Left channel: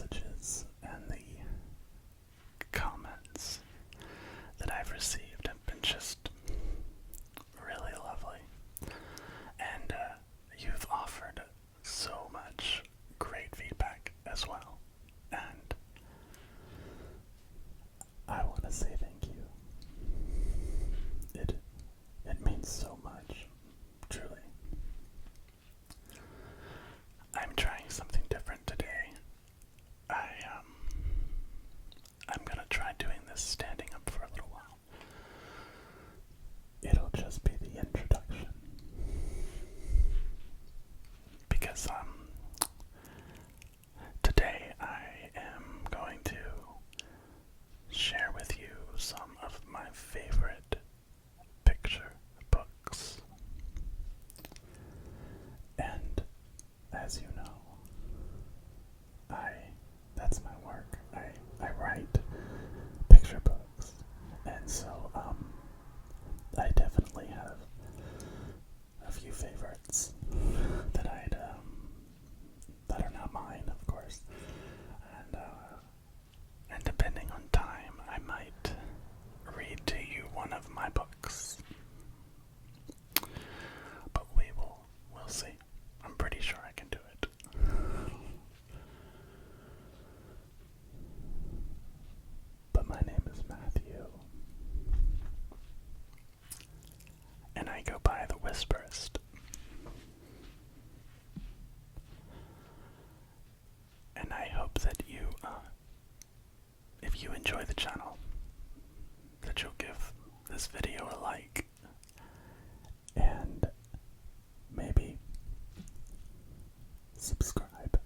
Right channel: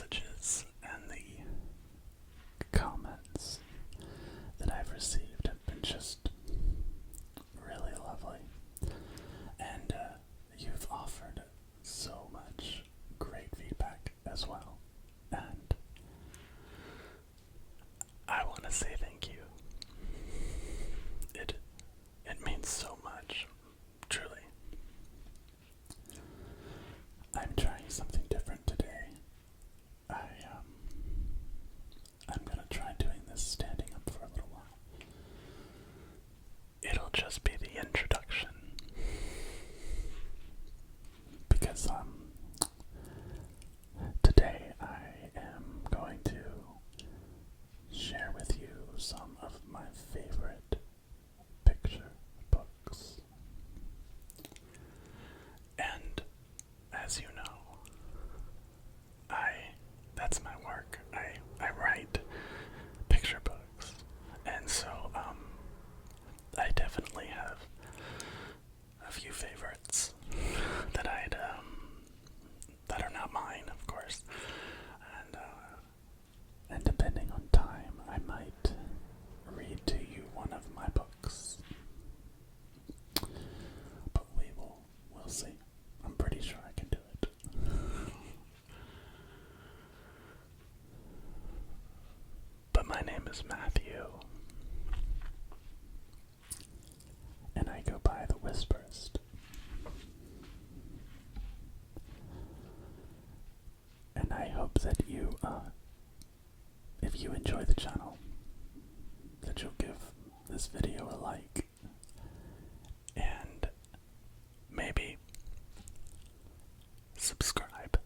messages and the comments that I've received have been just really lovely. And you've offered so much great feedback as well. And I want to say thank you. It means so much, truly. I'm trying something different today. I'm gonna try doing this standing up for a little while. It'll just be the introduction. Because today I am going to share with you some of my favorite picture books. And as you know, that's my work. I write picture books. And so I definitely have a few favorites that that are not mine, of course. And depending on time, I might read to you one of my books. But we'll see. I'm pretty sure I can do it. But my name is Matthew, and I go by the Whisperist. And I hope that you, if you enjoy the channel, that you'll give this video a like, and maybe subscribe.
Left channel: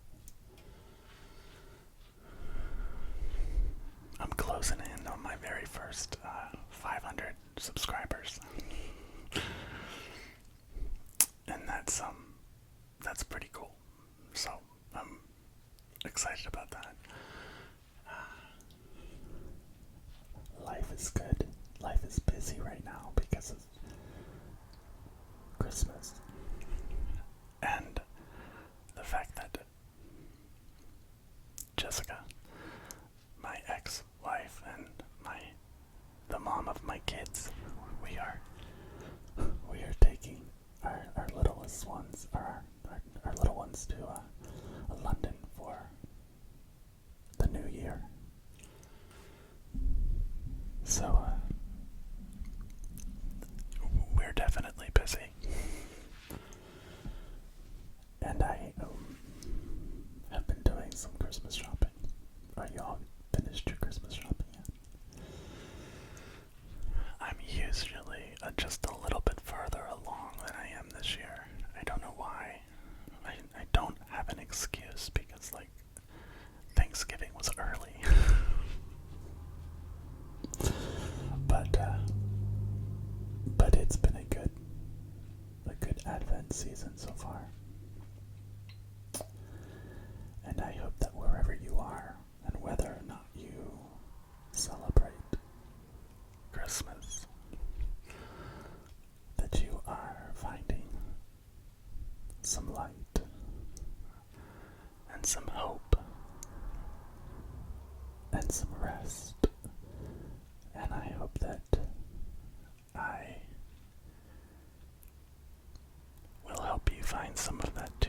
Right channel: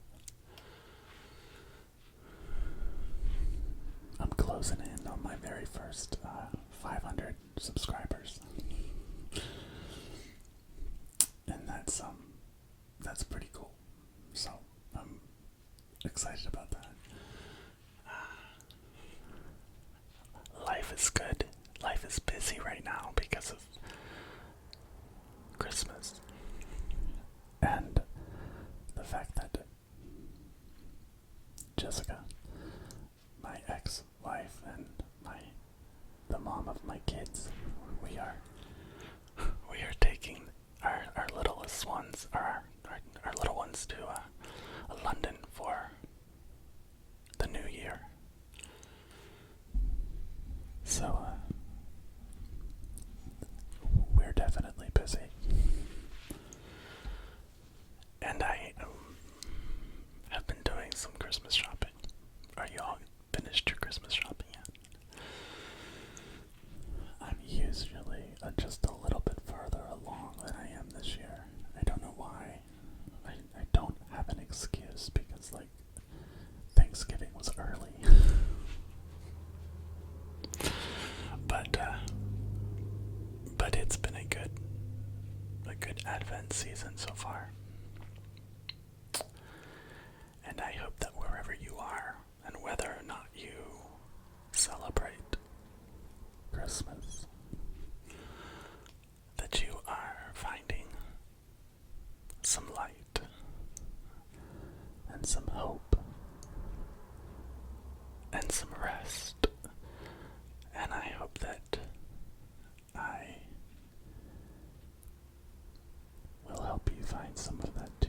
I'm closing in on my very first 500 subscribers, and that's pretty cool. So I'm excited about that. Life is good. Life is busy right now because of Christmas and the fact that Jessica, my ex-wife and the mom of my kids, we are taking our littlest ones, our little ones to London for the new year. So we're definitely busy. And I have been doing some Christmas shopping. Are you all finished your Christmas shopping yet? I'm usually just a little bit further along than I am this year. I don't know why. I don't have an excuse because, like, Thanksgiving was early. But it's been a good Advent season so far. And I hope that wherever you are, and whether or not you celebrate Christmas, that you are finding some light and some hope and some rest. And I hope that I will help you find some of that too.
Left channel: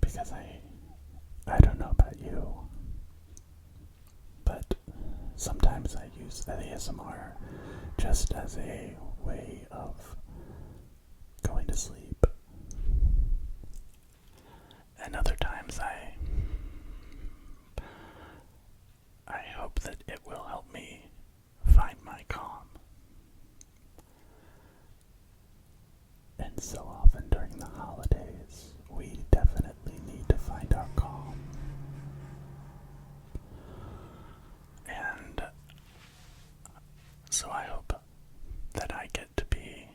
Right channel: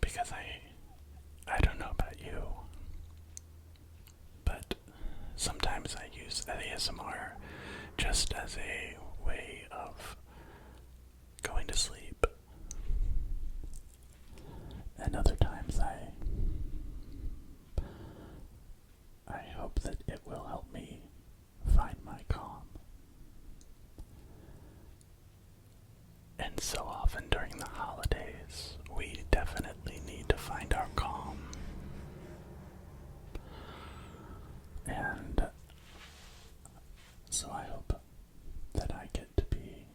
Because I don't know about you, but sometimes I use ASMR just as a way of going to sleep. And other times I hope that it will help me find my calm. And so often during the holidays, we definitely need to find our calm. And so I hope that I get to be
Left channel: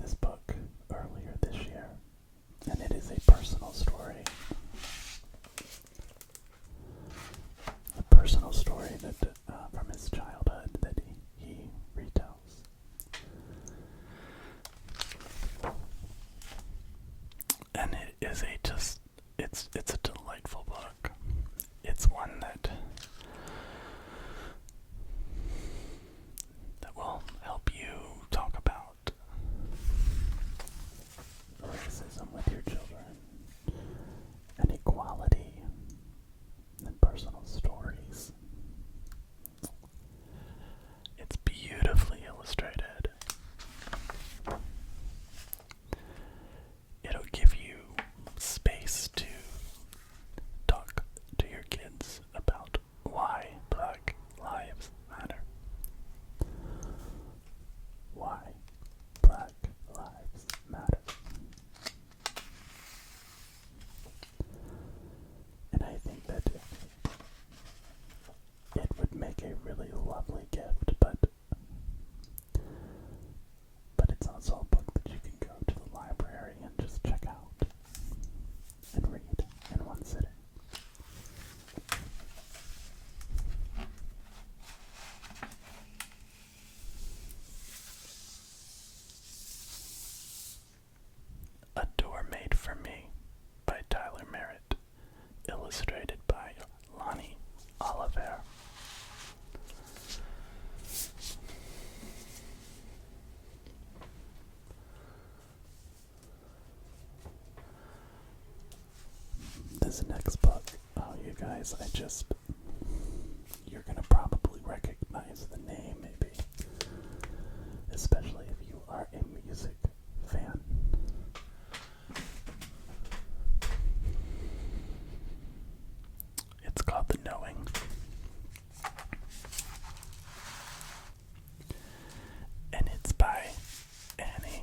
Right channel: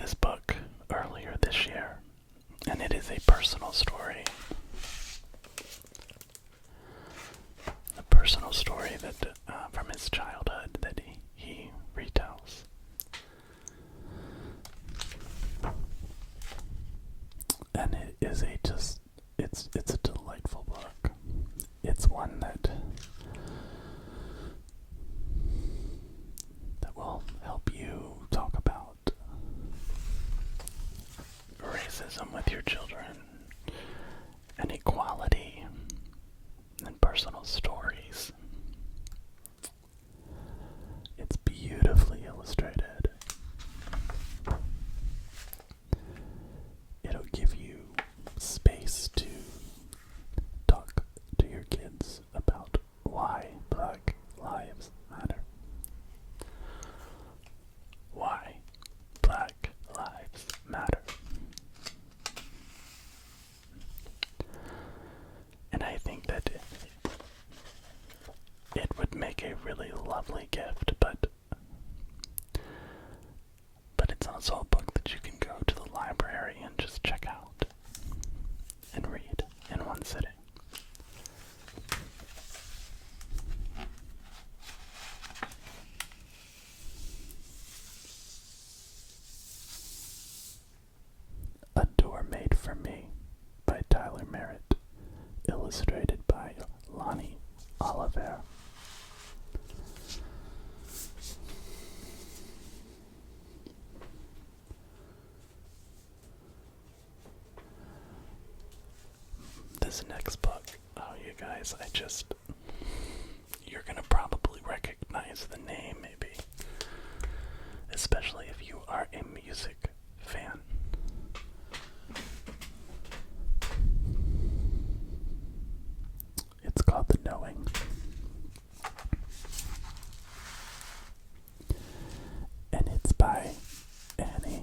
this book earlier this year, and it is a personal story. A personal story that from his childhood that he retells. And it is it's a delightful book. It's one that will help you talk about racism with your children, and equality, and personal stories. It's beautifully illustrated. It'll give you space to talk to your kids about why Black Lives Matter. Why Black Lives Matter. And I think that it would make a really lovely gift, but it's also a book that you can go to the library and just check out and read in one sitting. A Door Made for Me by Tyler Merritt, illustrated by Lonnie Oliver. This next book, oh you guys, you're gonna probably recognize the name maybe, especially if you are a music fan. It's called The Knowing. And it's by Annie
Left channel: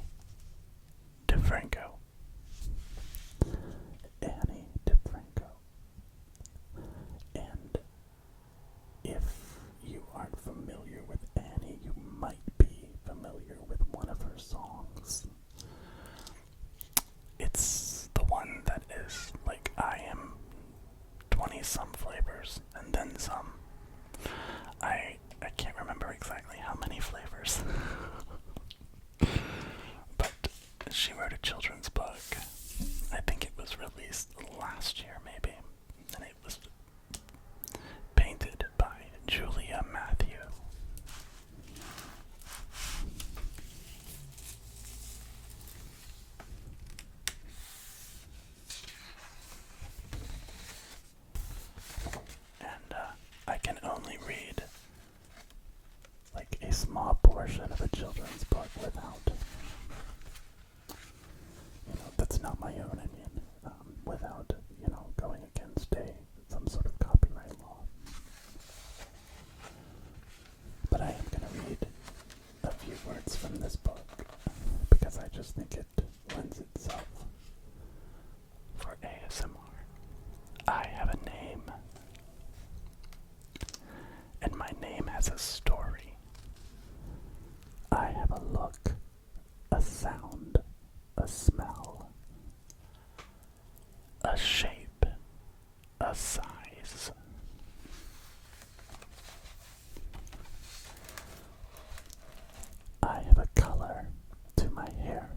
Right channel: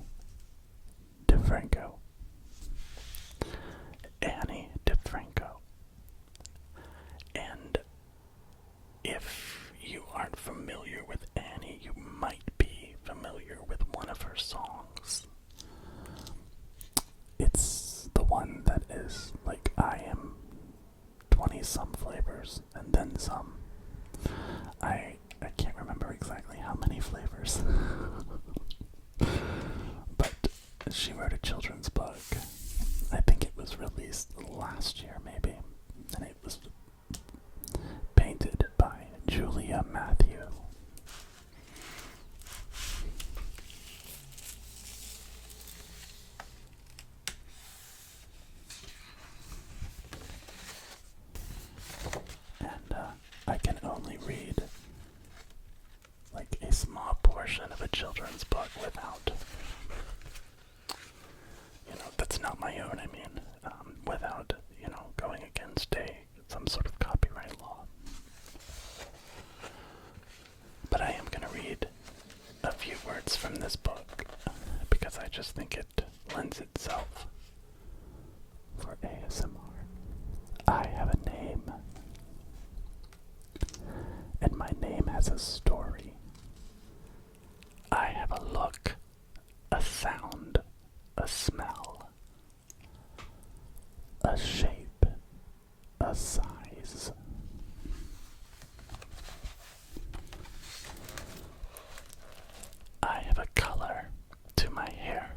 DeFranco. Annie DeFranco. And if you aren't familiar with Annie, you might be familiar with one of her songs. It's the one that is like, I am 20 some flavors and then some. I can't remember exactly how many flavors. But she wrote a children's book. I think it was released last year maybe. And it was painted by Julia Matthew. And I can only read like a small portion of a children's book without, that's not my own, I mean, without, going against some sort of copyright law. But I am going to read a few words from this book, because I just think it lends itself for ASMR. I have a name, and my name has a story. I have a look, a sound, a smell, a shape, a size. I have a color to my hair,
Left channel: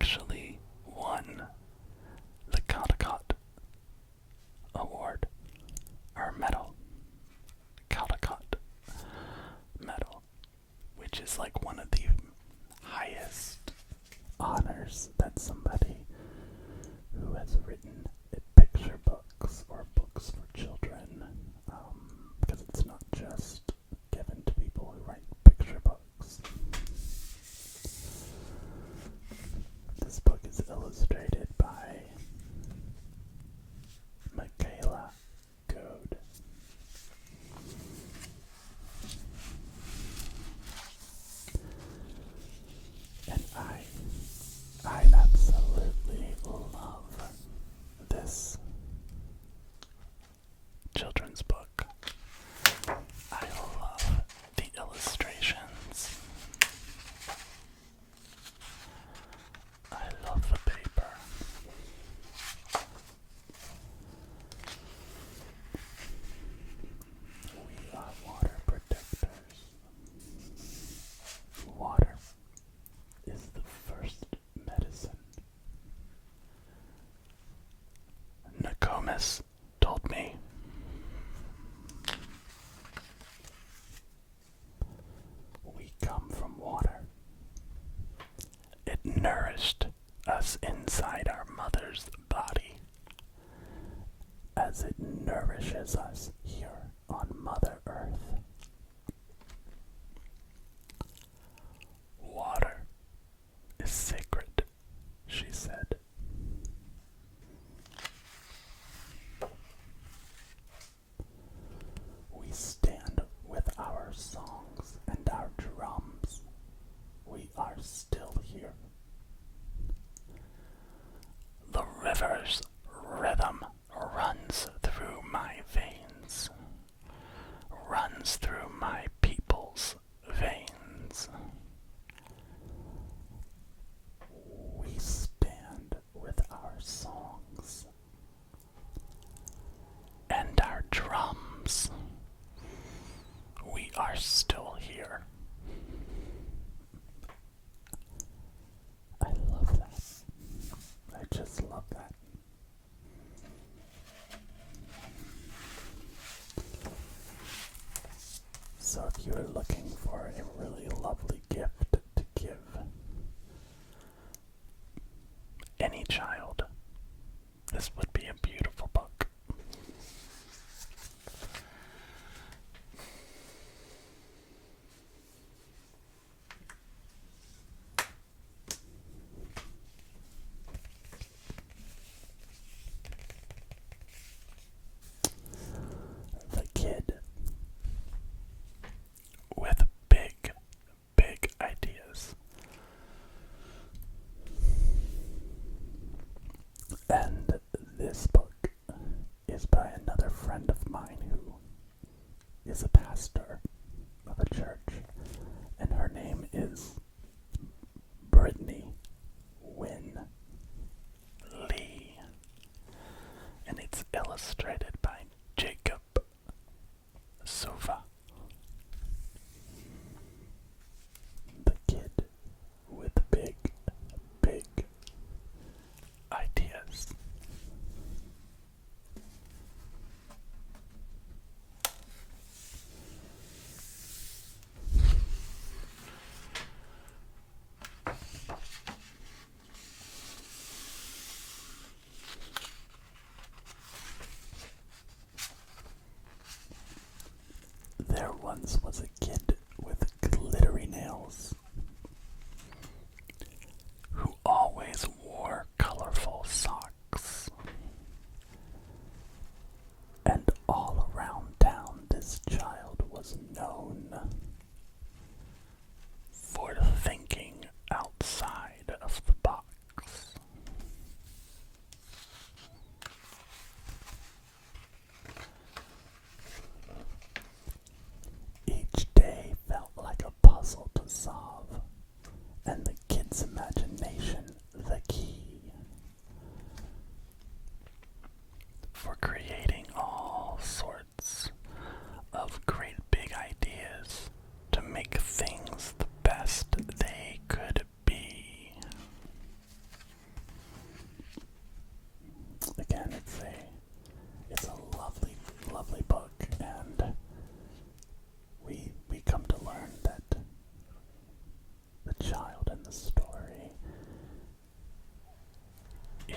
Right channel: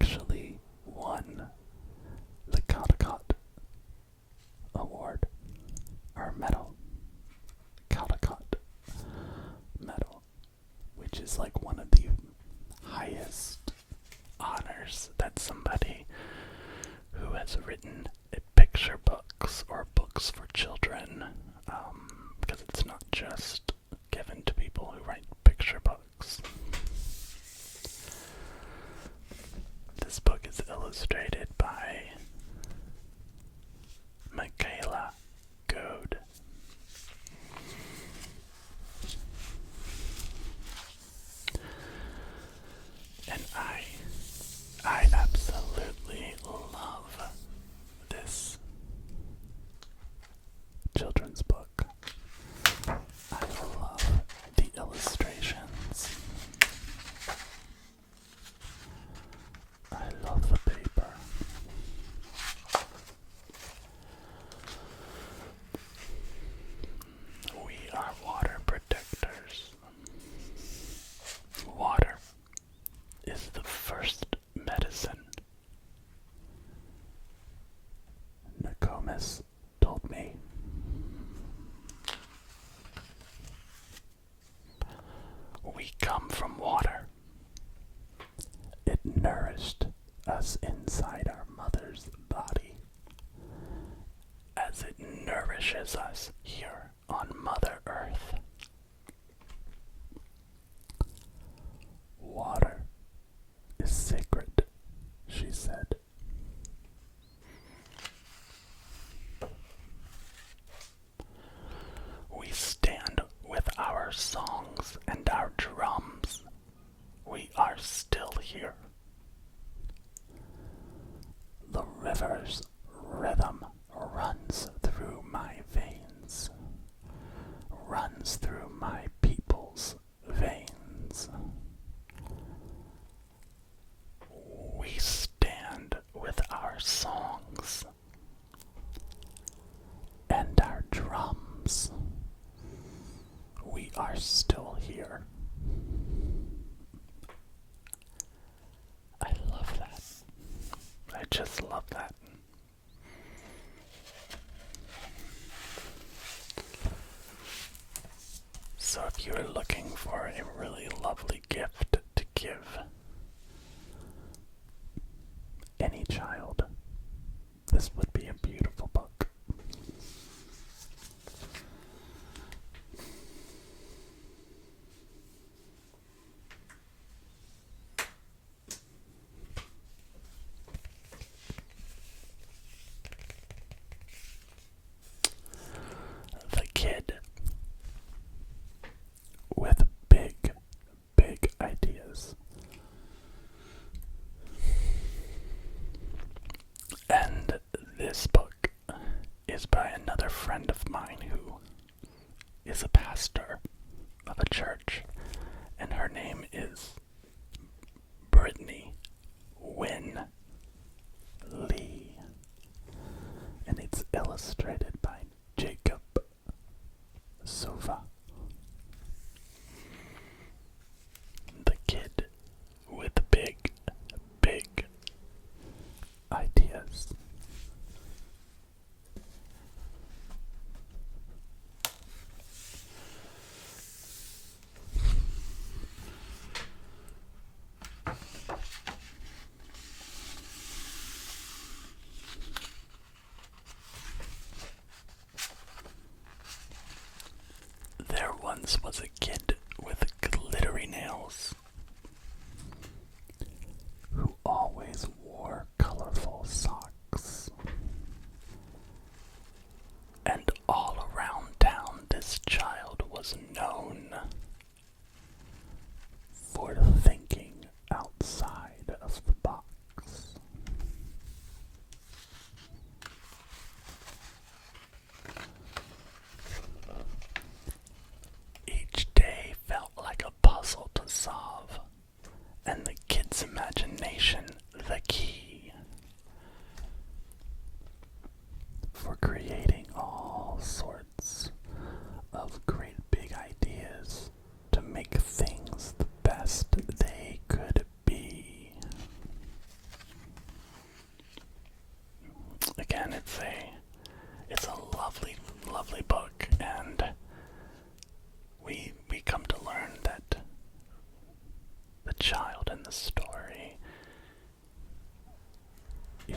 actually won the Caldecott Award, or medal. Caldecott medal, which is like one of the highest honors that somebody who has written picture books or books for children, because it's not just given to people who write picture books. This book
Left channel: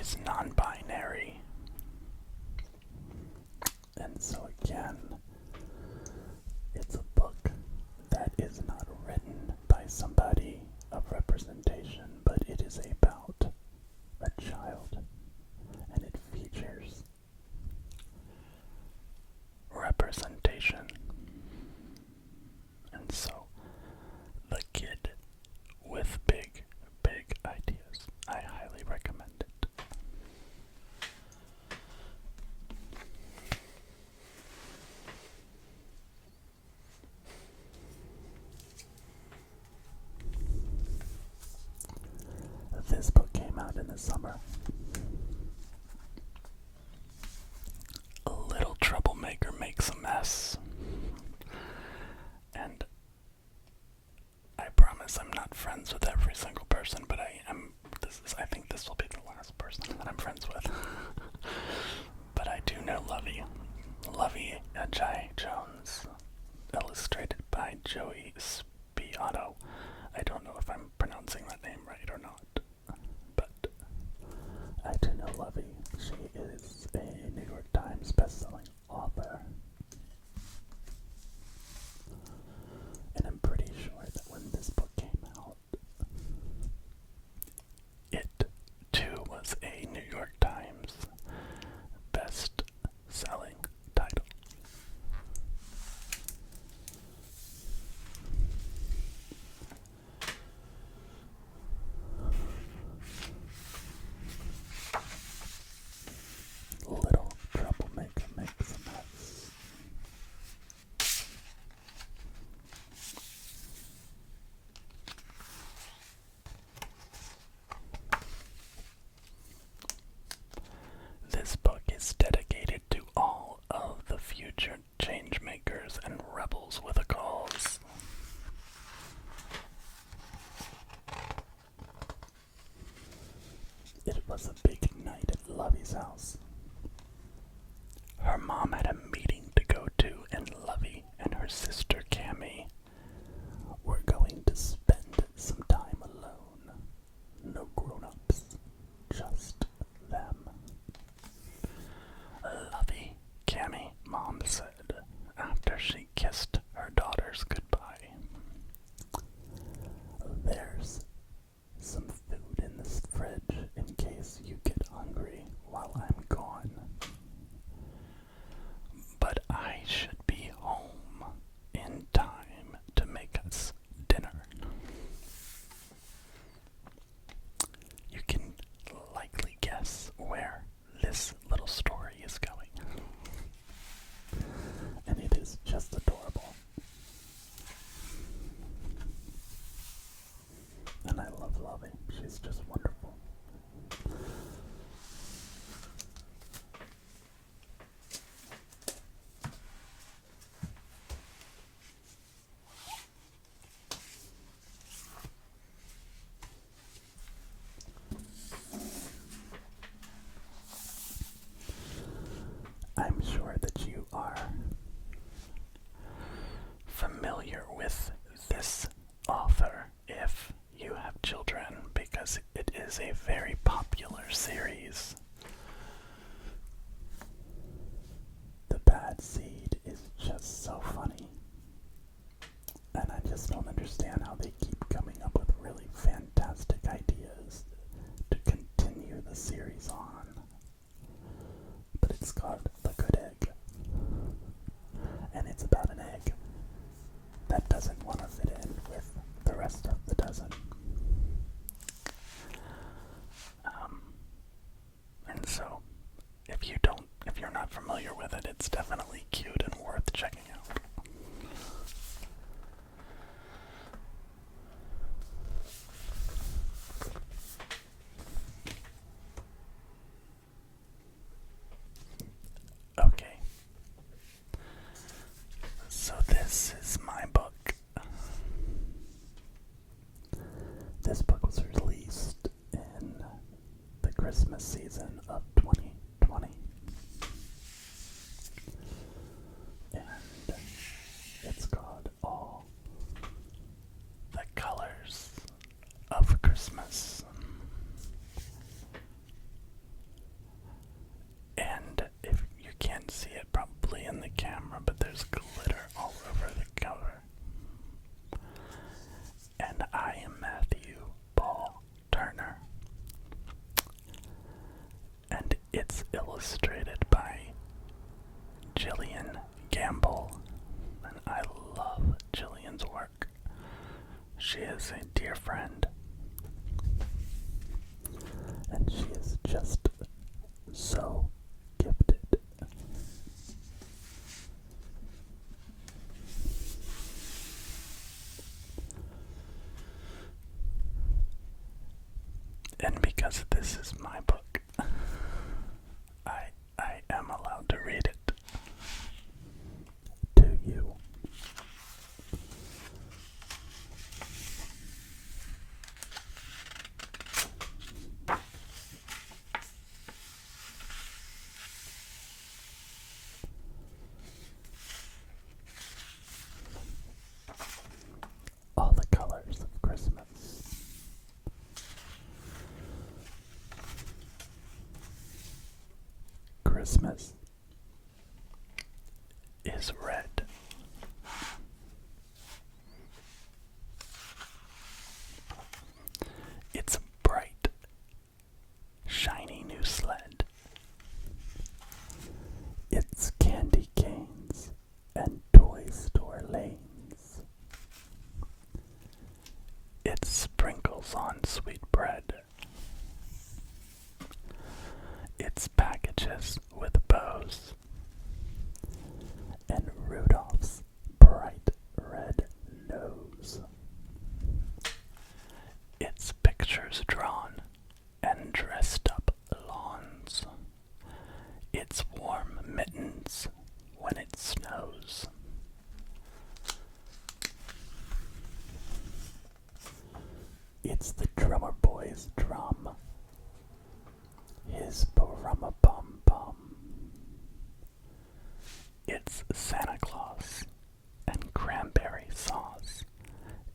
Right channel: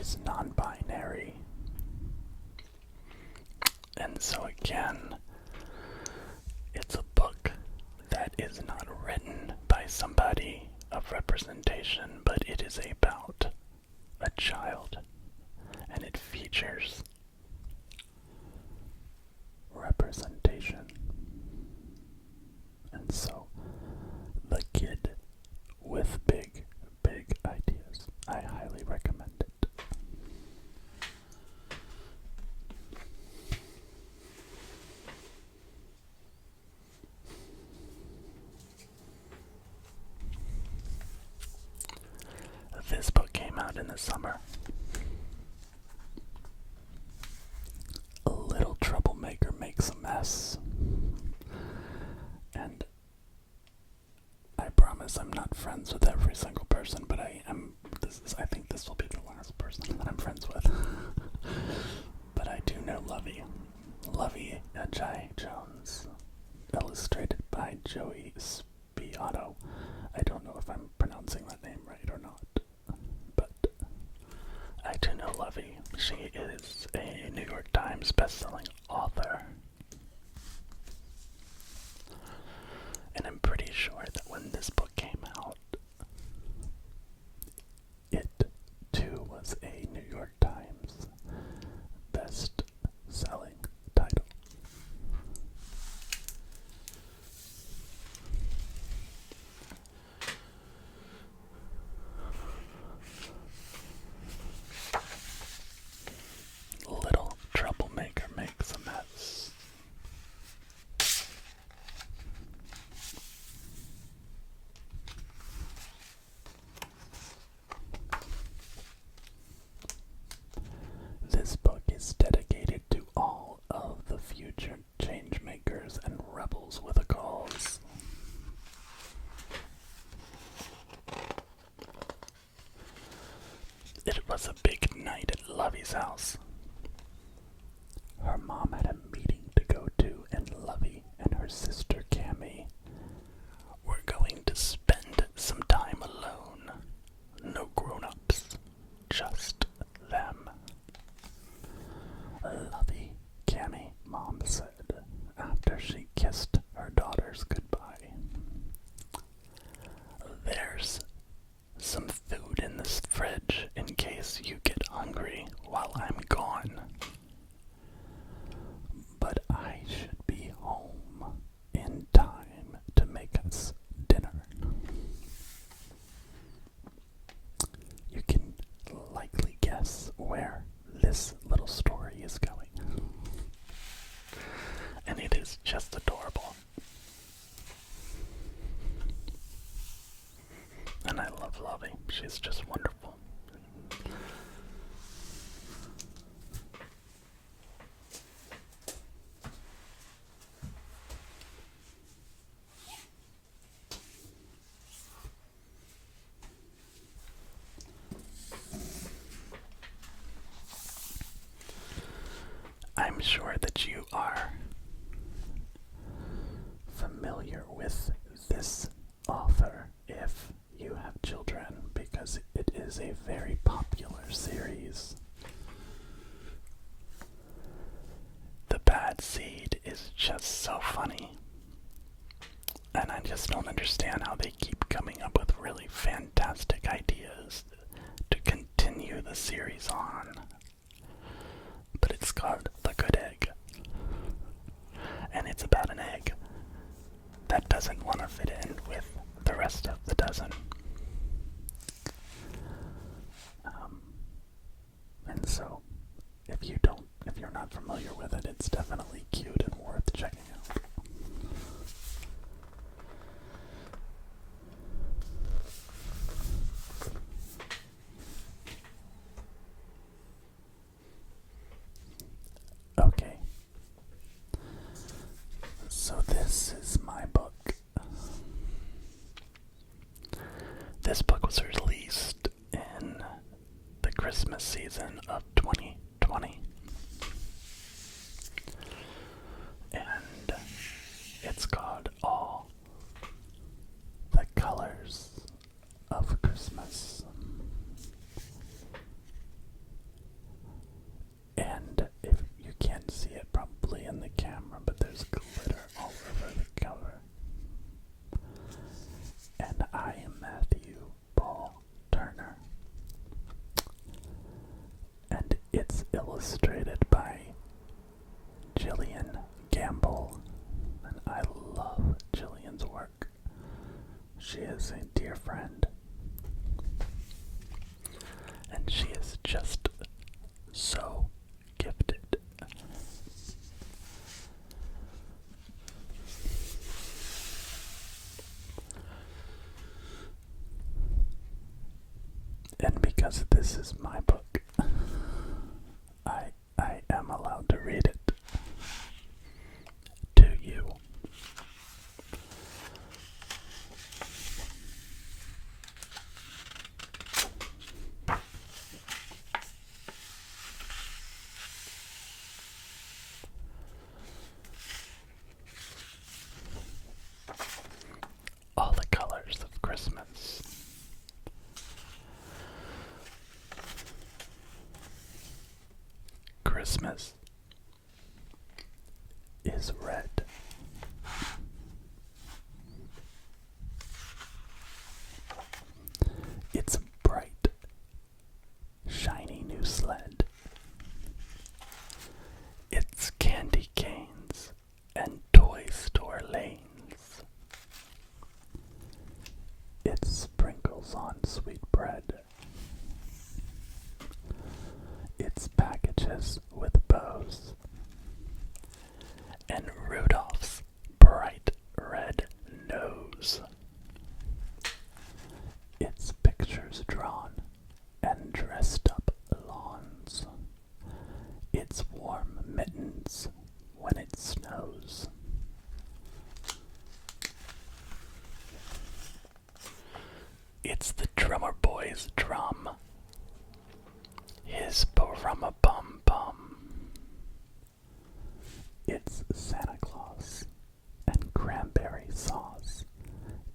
is non-binary. And so again, it's a book that is not written by somebody of representation, but it is about a child, and it features representation. And so, The Kid with Big, Big Ideas. I highly recommend it. This book came out in the summer. A Little Troublemaker Makes a Mess. And I promise I'm not friends with every single person, but I think this will be the last person that I'm friends with. But I do know Lovey. Lovey Ajayi Jones. Illustrated by Joey Spiotto. I don't know if I'm pronouncing that name right or not, but I do know Lovey. She is a New York Times bestselling author. And I'm pretty sure that when this book came out, it too was a New York Times best-selling title. Little Troublemaker Makes a Mess. This book is dedicated to all of the future change makers and rebels with a cause. It was a big night at Lovey's house. Her mom had a meeting to go to, and Lovey and her sister Cammie were going to spend some time alone. No grown-ups, just them. Lovey, Cammie, Mom said, after she kissed her daughters goodbye. There's some food in this fridge in case you get hungry while I'm gone. But I should be home in time to make us dinner. You can likely guess where this little story is going. And it is just adorable. And I love Lovey. She's just wonderful. I'm sure that you are familiar with this author if you have children, because it is a very popular series. The Bad Seed is just so funny. And I just don't understand how they keep coming up with really fantastic ideas to continue the series on. But it's called The Good Egg. And it's about an egg that doesn't want to fit in with the rest of the dozen. And so, if you're not familiar with it, it's definitely cute and worth checking out. because this is my book. I am allowed to read it to you. All the colors of Christmas. Christmas is red. It's a bright, shiny new sled. It's candy canes and toy store lanes. It's sprinkles on sweet bread. It's packages with bows. And Rudolph's bright red nose. It's pictures drawn and dressed up lawns. It's warm mittens when it snows. It's the drummer boy's drum. His ba-rum-a-bum-bum. It's Santa Claus and cranberry sauce.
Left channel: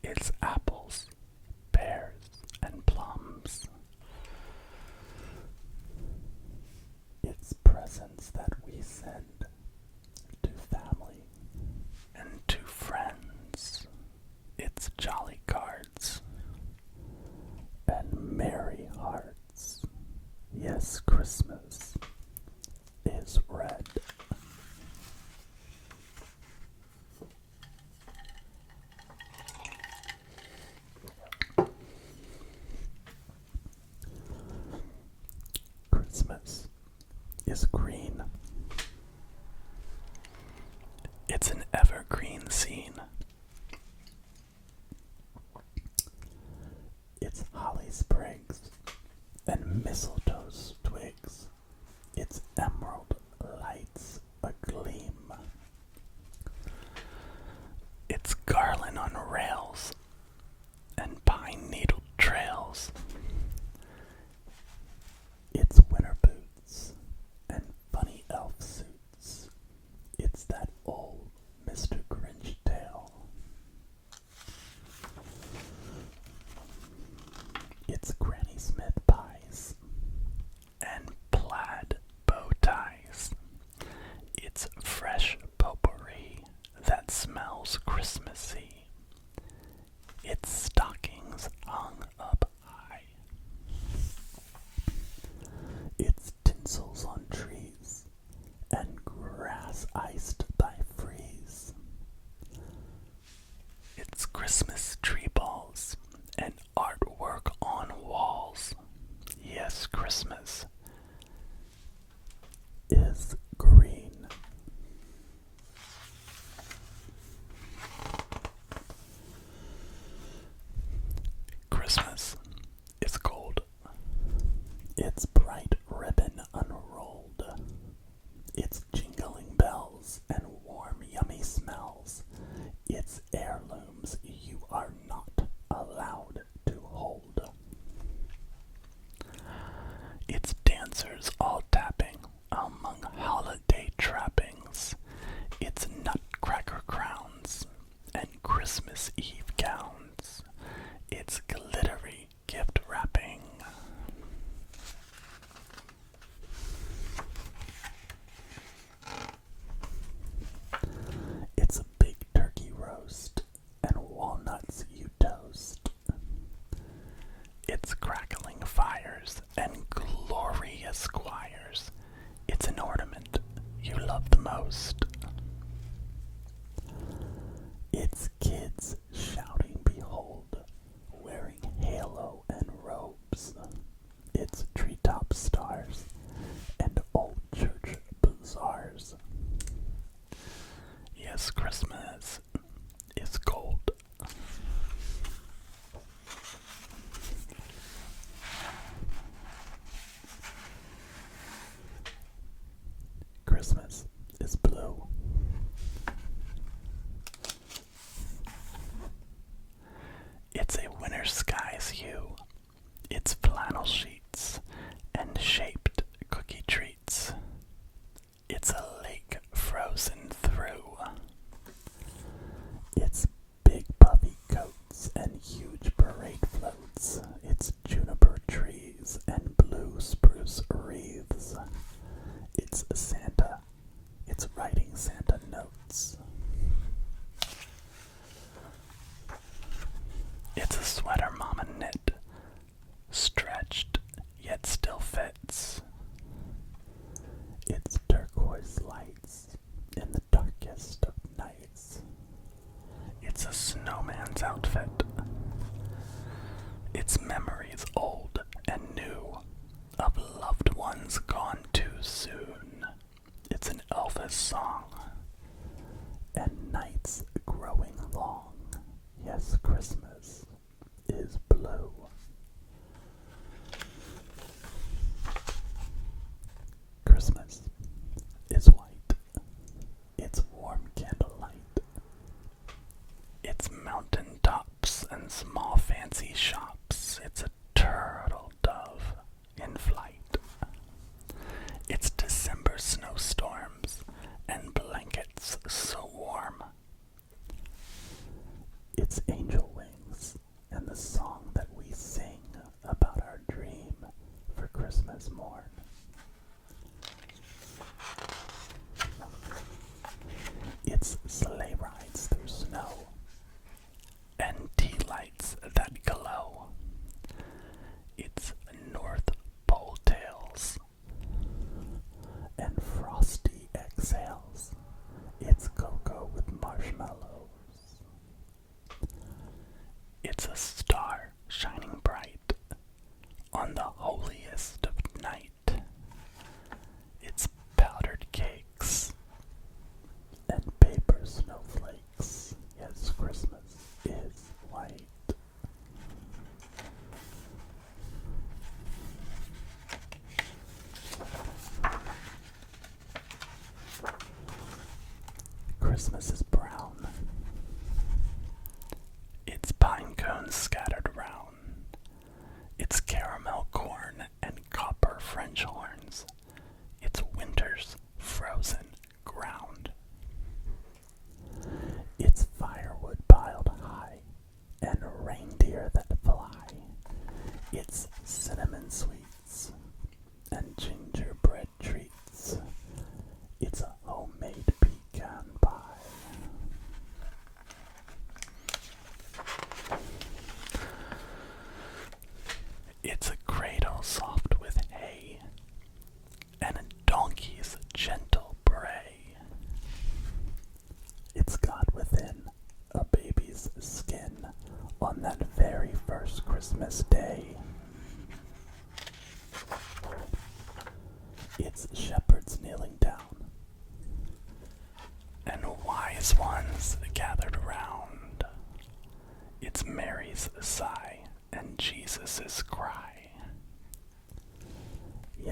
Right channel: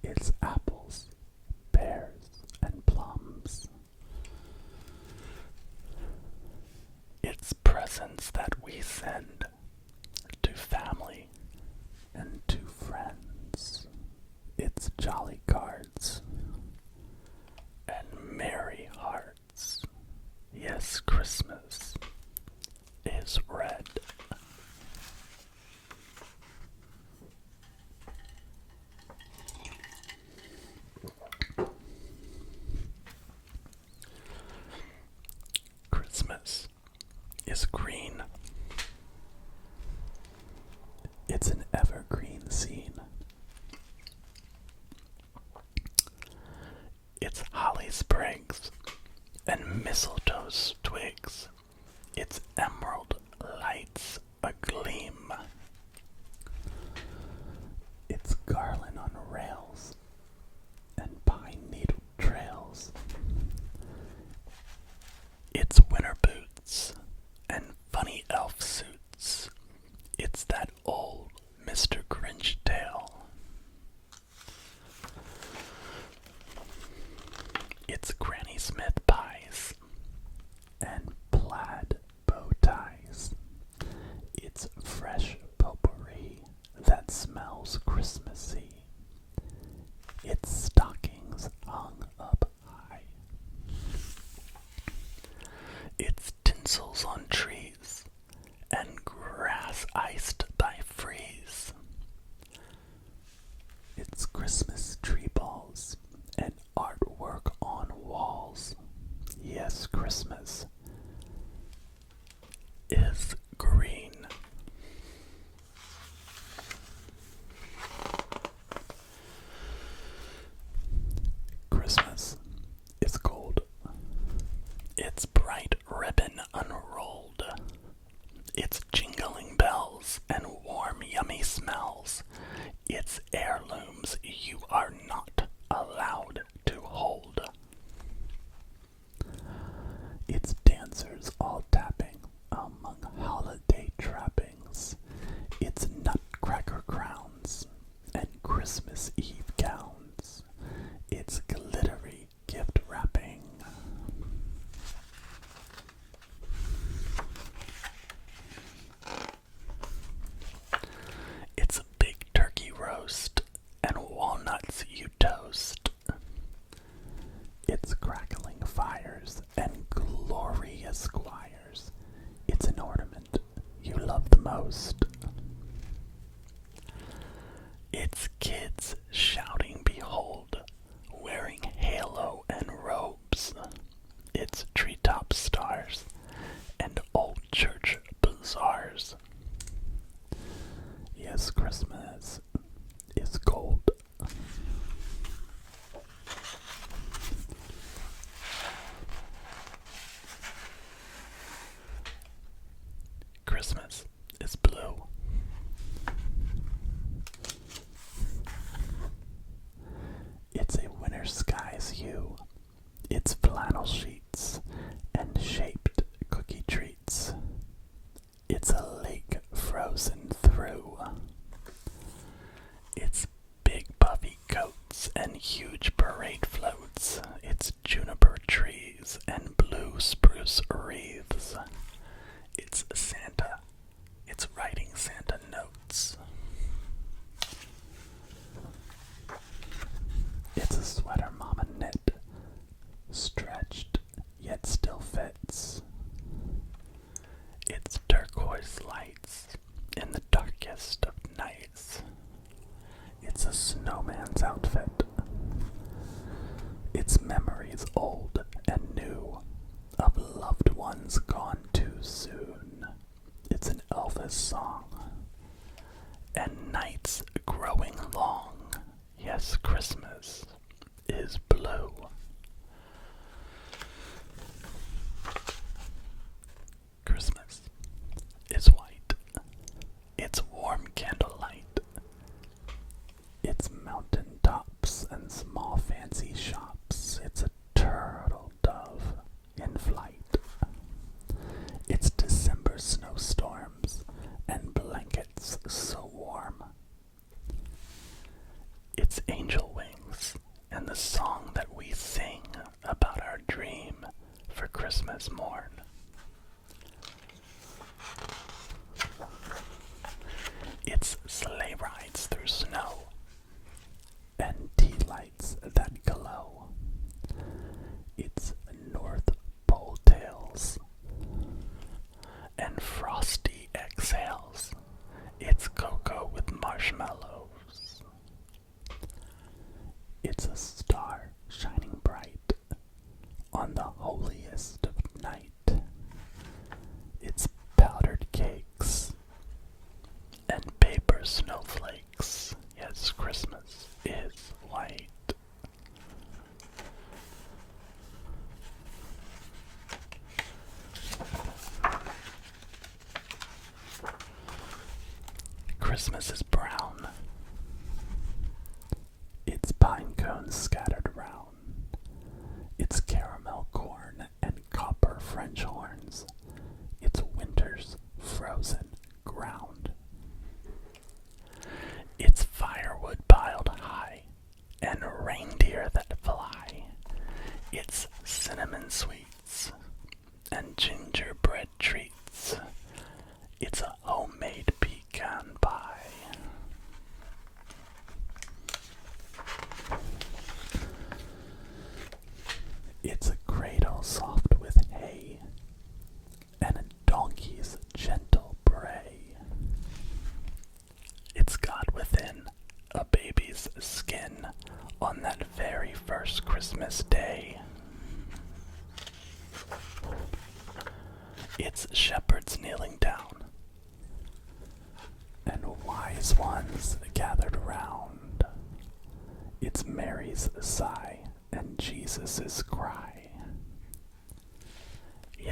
It's apples, pears, and plums. It's presents that we send to family and to friends. It's jolly cards and merry hearts. Yes, Christmas is red. Christmas is green. It's an evergreen scene. It's holly sprigs and mistletoe twigs. It's emerald lights agleam. It's garland on rails and pine needle trails. It's winter boots and funny elf suits. It's that old Mr. Grinch tale. It's Granny Smith pies and plaid bow ties. It's fresh potpourri that smells Christmassy. It's stockings hung up high. It's tinsels on trees and grass iced by freeze. It's Christmas tree balls and artwork on walls. Yes, Christmas is green. Christmas is gold. It's bright ribbon unrolled. It's jingling bells and warm, yummy smells. It's heirlooms you are not allowed to hold. It's dancers all tapping among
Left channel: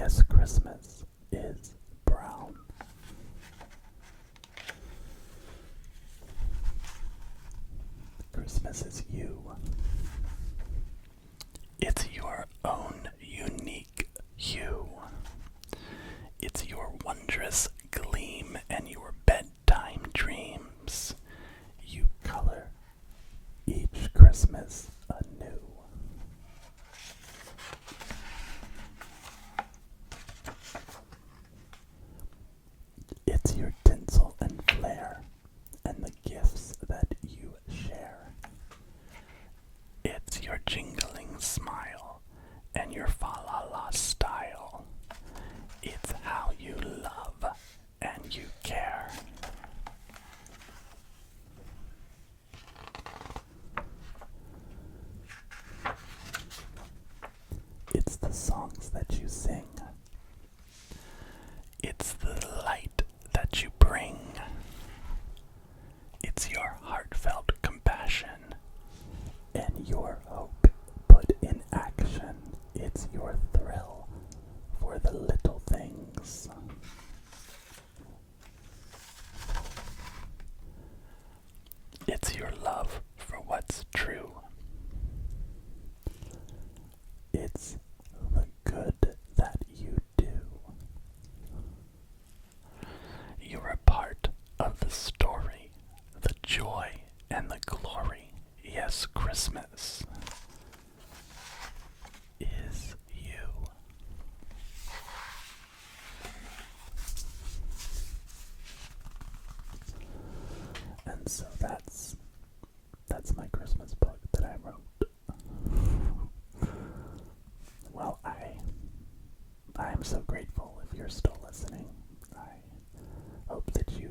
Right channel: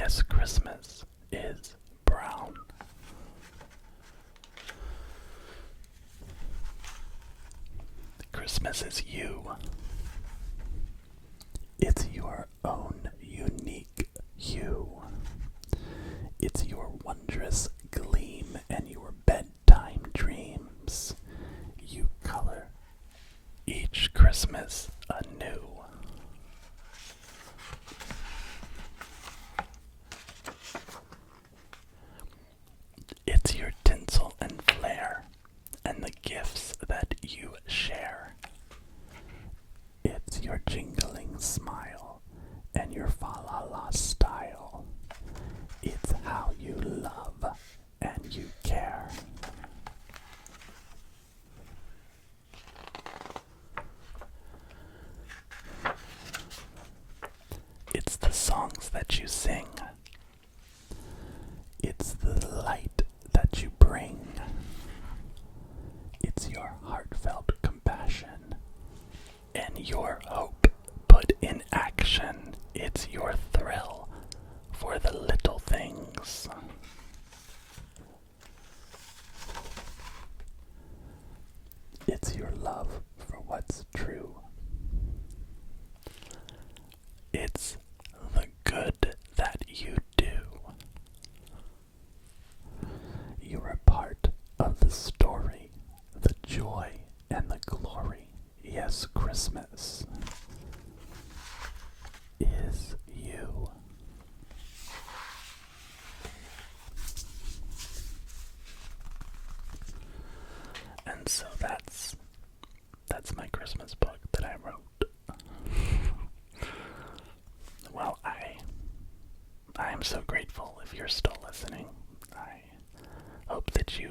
Yes, Christmas is brown. Christmas is you. It's your own unique hue. It's your wondrous gleam and your bedtime dreams. You color each Christmas anew. It's your tinsel and flair and the gifts that you share. It's your jingling smile and your fa-la-la style. It's how you love and you care. It's the songs that you sing. It's the light that you bring. It's your heartfelt compassion and your hope put in action. It's your thrill for the little things. It's your love for what's true. It's the good that you do. You're a part of the story, the joy and the glory. Yes, Christmas is you. And so that's my Christmas book that I wrote. Well, I am so grateful if you're still listening. I hope that you